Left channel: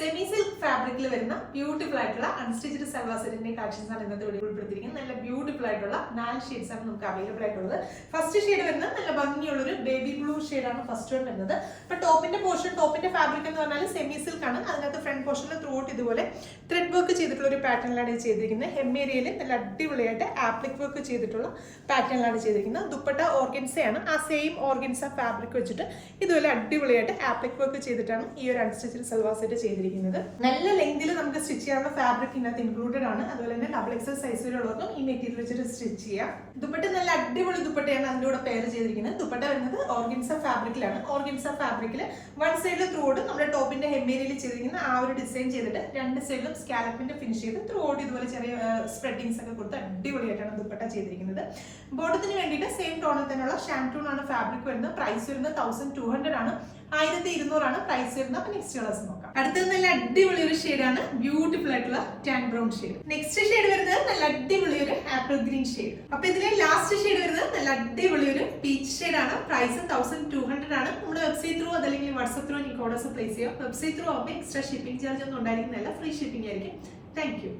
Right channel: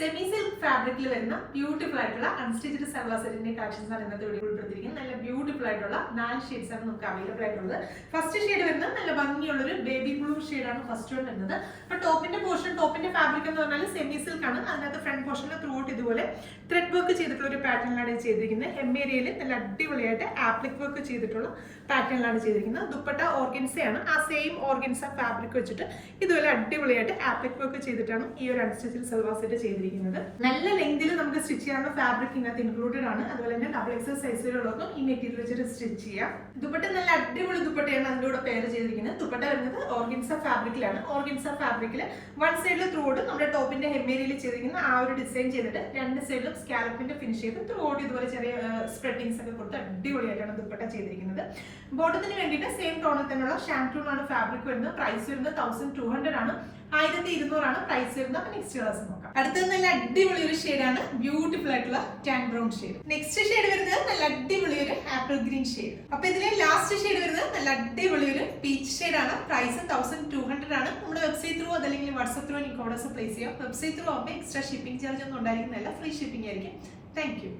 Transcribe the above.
Semi silk ഫാബ്രിക്കിൽ വരുന്ന beautiful ആയിട്ടുള്ള അൺസ്റ്റിച്ച്ഡ് സൽവാർ സെറ്റിന്റെ കളക്ഷൻസ് ആണ് ഇന്നത്തെ വീഡിയോ ഉൾപ്പെടുത്തിയിരിക്കുന്നത്. നല്ല ബ്യൂട്ടിഫുൾ ആയിട്ടുള്ള 4 ഷെയ്ഡ്സ് ആണ് നമുക്ക് അവൈലബിൾ ആയിട്ടുള്ളത്. ഫസ്റ്റ് ഷെയ്ഡ് വരുന്നത് നല്ല ഭംഗിയുള്ള ഒരു ബേബി ബ്ലൂ ഷെയ്ഡാണ് ഫസ്റ്റ് വൺ വരുന്നത്. അപ്പൊ ടോപ്പിന്റെ ഫാബ്രിക് എന്ന് പറഞ്ഞാൽ സെമി സിൽക്ക് ആണ്. അതിനകത്ത് ഫ്രണ്ട് പോർഷനിൽ ത്രൂ ഔട്ട് ഇതുപോലെ ത്രെഡ് വർക്ക് ചെയ്തിട്ടുള്ള ഒരു പാറ്റേണിലാണ് ചെയ്തിരിക്കുന്നത്. ഹെമ്മേരിയയിൽ നല്ല അടിപൊളിയായിട്ട് ആപ്ലിക് വർക്ക് ചെയ്തിട്ടുള്ള പാറ്റേണിലാണ് ചെയ്തിരിക്കുന്നത്. ദുപ്പട്ട ഓർഗൻസയാണ്. ആ സെയിം ഓർഗൻസ ഫാബ്രിക് വെച്ചിട്ട് ഇതുപോലെ അടിപൊളിയായിട്ട് ആപ്ലിക് വർക്ക് ചെയ്തിട്ടാണ് ഈ ഒരു അൺസ്റ്റിച്ച്ഡ് സൽവാർ സെറ്റ് ചെയ്തിരിക്കുന്നത്. നല്ല ലെങ്തിൽ നമുക്ക് സ്റ്റിച്ച് ചെയ്യാനുള്ള ഫാബ്രിക് ഇതിനകത്ത് ഇൻക്ലൂഡഡ് ആണ്. അതുപോലെ തന്നെ ഡബിൾ എക്സൽ സൈസിലുള്ളവർക്കും ഈ മെറ്റീരിയൽ വെച്ചിട്ട് സ്റ്റിച്ച് ചെയ്യാം. ദുപ്പട്ട നല്ല അടിപൊളി ദുപ്പട്ടയാണ് അതിന്റെ കൂടെ പെയർ ചെയ്തിരിക്കുന്നത്. ദുപ്പട്ട വരുന്നത് ഓർഗൻസ ഫാബ്രിക്കിലാണ്. ഓർഗൻസ ഫാബ്രിക്കിൽ വൺ സൈഡിൽ ത്രൂ ഔട്ട് നമ്മുടെ ടോപ്പിന്റെ ഹെമ്മേരിയയിൽ ചെയ്തിരിക്കുന്ന ആ ഒരു ഡിസൈൻ ചെയ്തിട്ട് രണ്ട് സൈഡിലും സ്കാലപ്പിന്റെ ഫിനിഷ് ചെയ്ത് ത്രൂ ഔട്ട് ഇതുപോലെ ചെറിയ സ്പ്രെഡിങ്സ് ഒക്കെ കൊടുത്ത് അടിപൊളിയായിട്ടാണ് ദുപ്പട്ട ചെയ്തിരിക്കുന്നത്. ബോട്ടത്തിന് വേണ്ടിയിട്ട് സെയിം ടോണിൽ തന്നെയുള്ള ഷാംറ്റൂൺ ആണ് ഫാബ്രിക് വരുന്നത്. പ്രൈസ് വരുന്നത് 1200 ആണ്. 1200 ആണ് പ്രൈസ് വരുന്നത്. അപ്പൊ നെക്സ്റ്റ് കളേഴ്സ് നോക്കാം. അടുത്തത് നല്ല അടിപൊളി ഒരു ഷെയ്ഡാണ്, ബ്യൂട്ടിഫുൾ ആയിട്ടുള്ള tan brown shade. Next shade വരുന്നത് നല്ല അടിപൊളി ഒരു ആപ്പിൾ ഗ്രീൻ ഷെയ്ഡ്. അപ്പൊ ഇതിലെ ലാസ്റ്റ് ഷെയ്ഡ് വരുന്നത് നല്ല അടിപൊളി ഒരു പീച്ച് ഷെയ്ഡാണ്. പ്രൈസ് 1200 ആണ്. നമ്മുടെ വെബ്സൈറ്റ് ത്രൂ അതല്ലെങ്കിൽ വാട്സ്ആപ്പ് ത്രൂ എനിക്ക് ഓർഡേഴ്സ് പ്ലേസ് ചെയ്യാം. വെബ്സൈറ്റ് ത്രൂ ആകുമ്പോൾ എക്സ്ട്രാ ഷിപ്പിംഗ് ചാർജ് ഒന്നും ഉണ്ടായിരിക്കുന്നില്ല, ഫ്രീ ഷിപ്പിംഗ് ആയിരിക്കും. Thank you.